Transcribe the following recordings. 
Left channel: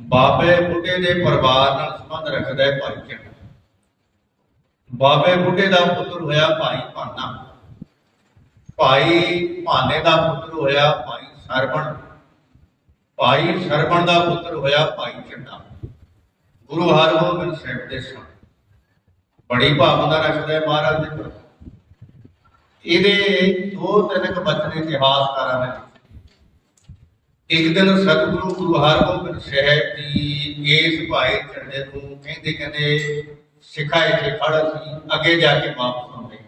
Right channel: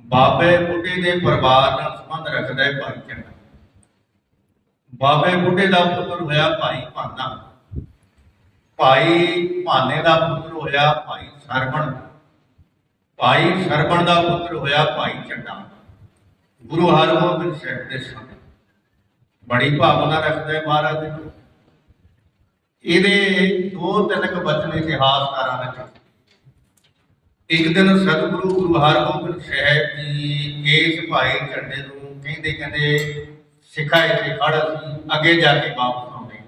ਬਾਬੇ ਬੁੱਢੇ ਦੇ ਪਰਿਵਾਰ ਨਾਲ ਸੰਬੰਧ ਰੱਖਦਾ ਹੈ ਭਾਈ ਚੰਦ ਬਾਬੇ ਬੁੱਢੇ ਦਾ ਪੁੱਤਰ ਹੋਇਆ ਭਾਈ ਭਾਨਾ। ਭਾਈ ਭਾਨੇ ਦਾ ਪੁੱਤਰ ਹੋਇਆ ਭਾਈ ਸਰਵਣ। ਭਾਈ ਸਰਵਣ ਦਾ ਪੁੱਤਰ ਹੋਇਆ ਭਾਈ ਚੰਡਾ ਗੁਰੂ ਹਰਗੋਬਿੰਦ ਸਾਹਿਬ ਦੇ ਸਮੇਂ। ਬੜੀ ਭਾਵਨਾ ਰੱਖਦਾ ਹੈ ਮਹਾਰਾਜ ਦੇ। ਪ੍ਰਤੀ। ਇਹਦੇ ਦੋ ਤਿੰਨ ਕੁ ਬਚਨ ਇਤਿਹਾਸਕਾਰਾਂ ਨੇ ਇੱਕ ਦਿਨ ਸਤਿਗੁਰੂ ਗੁਰੂ ਹਰਗੋਬਿੰਦ ਸਾਹਿਬ ਜੀ ਇਸ ਭਾਈ ਝੰਡੇ ਨੂੰ ਕਹਿੰਦੇ ਕਹਿੰਦੇ, ਸਿੱਖਾ ਇੱਥੇ ਖੜਾ ਸੀ ਅੱਗੇ ਜਾ ਕੇ ਵਾਪਸ ਆਉਂਦੇ।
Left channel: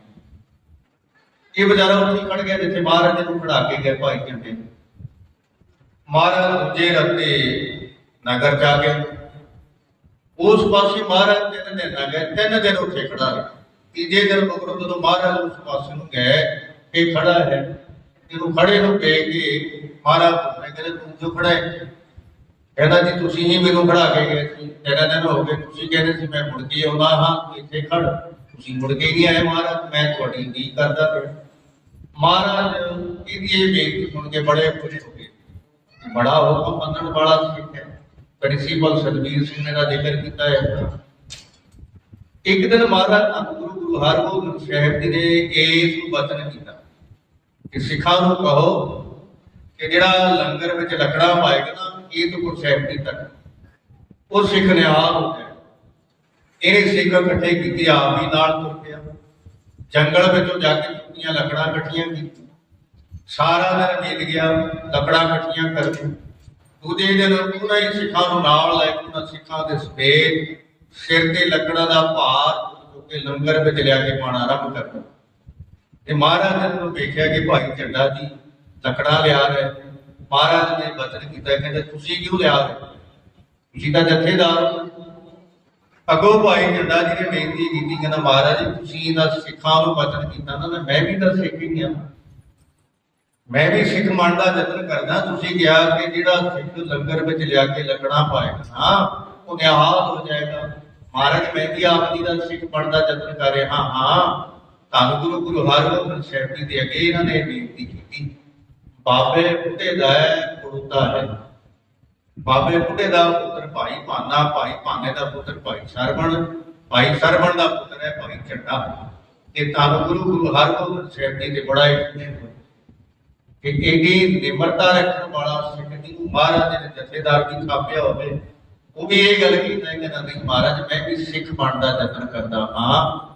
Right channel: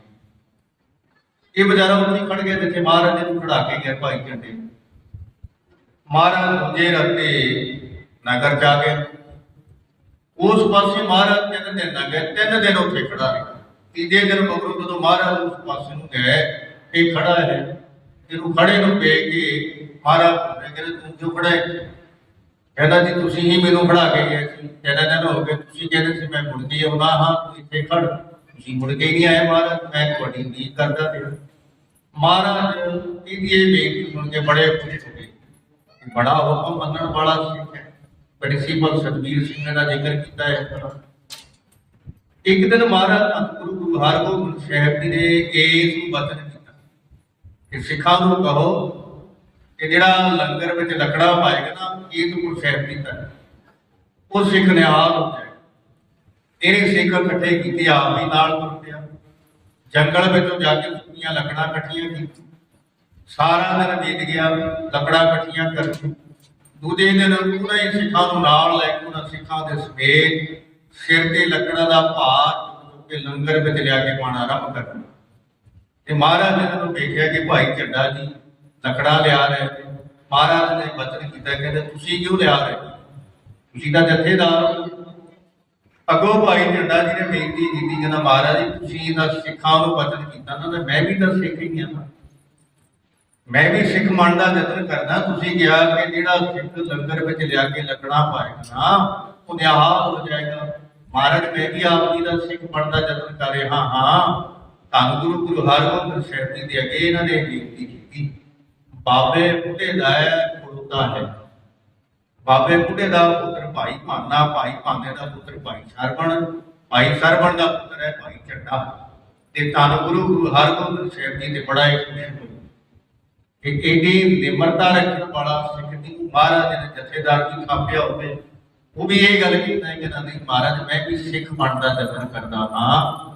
ਇਹ ਵਿਚਾਰਾ ਉੱਥੇ ਖੜ ਗਿਆ ਜਿੱਥੇ ਮਹਾਰਾਜ ਜੀ ਨੂੰ ਖੜਾ ਕੇ ਗਿਆ ਭਾਈ ਝੰਡੇ ਮਹਾਰਾਜ ਦੂਜੇ ਰਸਤੇ ਨਗਰ ਜਾ ਗਏ। ਉਸ ਪਾਸੇ ਮਹਾਰਾਜ ਤਿੰਨ ਦਿਨ ਨਾ ਗਏ, ਤਿੰਨ ਦਿਨ ਉੱਥੇ ਖੜਾ ਰਿਹਾ। ਤੀਜੇ ਦਿਨ ਮਗਰੋਂ ਜਦੋਂ ਮਹਾਰਾਜ ਉਸ ਪਾਸੇ ਨੂੰ ਗਏ ਇਹ ਖੜਾ ਹੈ ਇਹਨੂੰ ਖੜੇ ਨੂੰ ਵੇਖ ਕੇ ਮਹਾਰਾਜ ਪੁੱਛਦੇ ਕਹਿੰਦੇ ਤੂੰ ਕਿਉਂ ਖੜਾ ਕਹਿੰਦਾ ਜੀ ਤੁਸੀਂ ਹੀ ਮੈਨੂੰ ਖੜਾ ਕੇ ਗਏ ਸੀ। ਤਿੰਨ ਦਿਨ ਹੋ ਗਏ ਤੁਸੀਂ ਕਹਿੰਦੇ ਸੀ ਮੈਂ ਮੁੜ ਕੇ ਆਉਣਾ ਹਾਂ ਇੱਥੇ ਖੜ ਤੁਸੀਂ ਮੁੜ ਕੇ ਨਹੀਂ ਆਏ ਮਹਾਰਾਜ, ਮੈਂ ਤੁਹਾਡੀ ਕੀ ਕਰਦਾ ਪਿਆ। ਮਹਾਰਾਜ, ਇਹਦੀ ਇਹ ਬੇਨਤੀ ਸੁਣ ਕੇ ਬੜੇ ਖੁਸ਼ ਹੋ ਗਏ। ਬੜਾ ਹੁਕਮ ਮੰਨਣ ਵਾਲਾ ਸਿੱਖ ਹੈ। ਪ੍ਰਿੰਸੀਪਲ ਸਤਬੀਰ ਸਿੰਘ ਨੇ ਦਾ ਜ਼ਿਕਰ ਕੀਤਾ ਹੈ। ਇੱਕ ਦਿਨ ਮਹਾਰਾਜ ਧੰਨ ਗੁਰੂ ਗੁਰੂ ਹਰਗੋਬਿੰਦ ਸਾਹਿਬ ਜੀ ਨੇ ਇਸ ਨੂੰ ਬਚਨ ਕੀਤਾ। ਕਿ ਸਿੱਖਾਂ ਨੂੰ ਕਹੋ ਕਿ ਜਿਹੜਾ ਲੰਗਰ ਵਿੱਚ ਲੱਕੜਾ ਪਾਏਗਾ ਨਾ, ਇਹ ਤੋਂ ਗੁਰੂ ਸਾਹਿਬ ਦੀ ਉਹ ਸਿੱਖ ਨਿਹਾਲ ਹੋ ਜਾਏ ਇਹਨੇ ਸਿੱਖ ਇਕੱਠੇ ਕੀਤੇ, ਆਪ ਹੀ ਨਾਲ ਤੁਰ ਪਿਆ। ਜੰਗਲ ਵਿੱਚੋਂ ਜਾ ਕੇ ਸੁੱਕੀਆਂ ਲੱਕੜਾਂ ਇਕੱਠੀਆਂ ਕੀਤੀਆਂ। ਸਾਰਾ ਦਿਨ ਬੀਤ ਗਿਆ, ਲੱਕੜਾਂ ਇਕੱਠੀਆਂ ਕਰਕੇ। ਦੂਜੇ ਦਿਨ ਪੂਰਾ ਹੀ ਸਿੱਖਾਂ ਨੂੰ ਨਾਲ ਲੈ ਕੇ, ਉਹਨਾਂ ਸਿੱਖਾਂ ਦੇ ਸਮੇਤ ਸਿਰ ਤੇ ਲੱਕੜਾਂ ਦਾ ਭਾਰ ਚੁੱਕ ਲੰਗਰ ਵਿੱਚ ਲਿਆ ਕੇ ਪਾਣਾ ਆਰੰਭ ਕਰ ਤੇ ਮਹਾਰਾਜ ਨੇ ਜਦੋਂ ਵੇਖਿਆ ਕਿ ਭਾਈ ਝੰਡਾ ਜੀ ਲੱਕੜਾਂ ਲਿਆ ਰਹੇ ਮਹਾਰਾਜ ਨੇ ਬਚਨ ਕੀਤਾ, ਕਹਿੰਦੇ ਤੁਸੀਂ ਕਿਉਂ ਲਿਆ ਰਹੇ ਤੁਸੀਂ ਤਾਂ ਜਥੇਦਾਰ ਹੋ। ਅੱਗੋਂ ਭਾਈ ਝੰਡਾ ਜੀ ਨੇ ਬੇਨਤੀ ਕੀਤੀ, ਕਹਿੰਦਾ ਮਹਾਰਾਜ ਜੀ, ਤੁਸੀਂ ਇਹਨਾਂ ਸਿੱਖਾਂ ਨੂੰ ਬਚਨ ਕੀਤਾ ਨਾ ਮੈਂ ਵੀ ਤਾਂ ਸਿੱਖ ਹੀ ਹਾਂ। ਮੈਂ ਵੀ ਸਿੱਖ ਬਣਨ ਦਾ ਯਤਨ ਕਰਦਾ, ਤੁਸੀਂ ਕਿਹਾ ਕਿ ਜਿਹੜਾ ਸਿੱਖ ਲੰਗਰ ਵਿੱਚ ਲਿਆ ਕੇ ਲੱਗਣਾ ਪਾਏਗਾ ਨਾ ਉਹ ਨਿਹਾਲ ਹੋ ਜਾਏਗਾ। ਮਹਾਰਾਜ, ਮੈਂ ਵੀ ਆਪ ਜੀ ਦਾ ਸਿੱਖ ਬਣ ਦਾ ਯਤਨ ਕਰ ਰਿਹਾ ਹਾਂ। ਧੰਨ ਗੁਰੂ ਗੁਰੂ ਹਰਗੋਬਿੰਦ ਸਾਹਿਬ ਜੀ ਦੇ ਅੱਗੇ ਇਹਨਾਂ ਨੇ ਬੇਨਤੀ ਕੀਤੀ। ਬਾਬੇ ਬੁੱਢੇ ਦਾ ਕੁੜਤਾ ਹੈ ਬਾਬੇ ਬੁੱਢੇ ਦਾ ਪੁੱਤਰ ਭਾਈ ਭਾਨਾ, ਭਾਈ ਭਾਨੇ ਦਾ ਪੁੱਤਰ ਭਾਈ ਸਰਵਣ ਭਾਈ ਸਰਵਣ ਦਾ ਪੁੱਤਰ ਹੈ ਭਾਈ ਚੱਡਾ ਤੇ ਧੰਨ ਗੁਰੂ ਗੁਰੂ ਹਰਗੋਬਿੰਦ ਸਾਹਿਬ ਜੀ ਦੇ ਬੜਾ ਇਤਨੇ ਕਿ ਇਹਦੀ ਨਿਮਰਤਾ ਰੱਖਣ ਵਾਲਾ ਸਿੱਖ ਦੀ ਮਹਾਰਾਜ ਦੇ ਜਥੇਦਾਰ ਦੀ ਥਾਪਿਆ ਹੋਵੇ, ਉਹ ਵੀ ਇਹ ਗੱਲ ਕਹਿੰਦਾ ਹੈ ਕਿ ਨਹੀਂ ਮਹਾਰਾਜ, ਮੈਂ ਵੀ ਸਿੱਖ ਬਣਨ ਦਾ ਯਤਨ ਕਰਦਾ ਹਾਂ।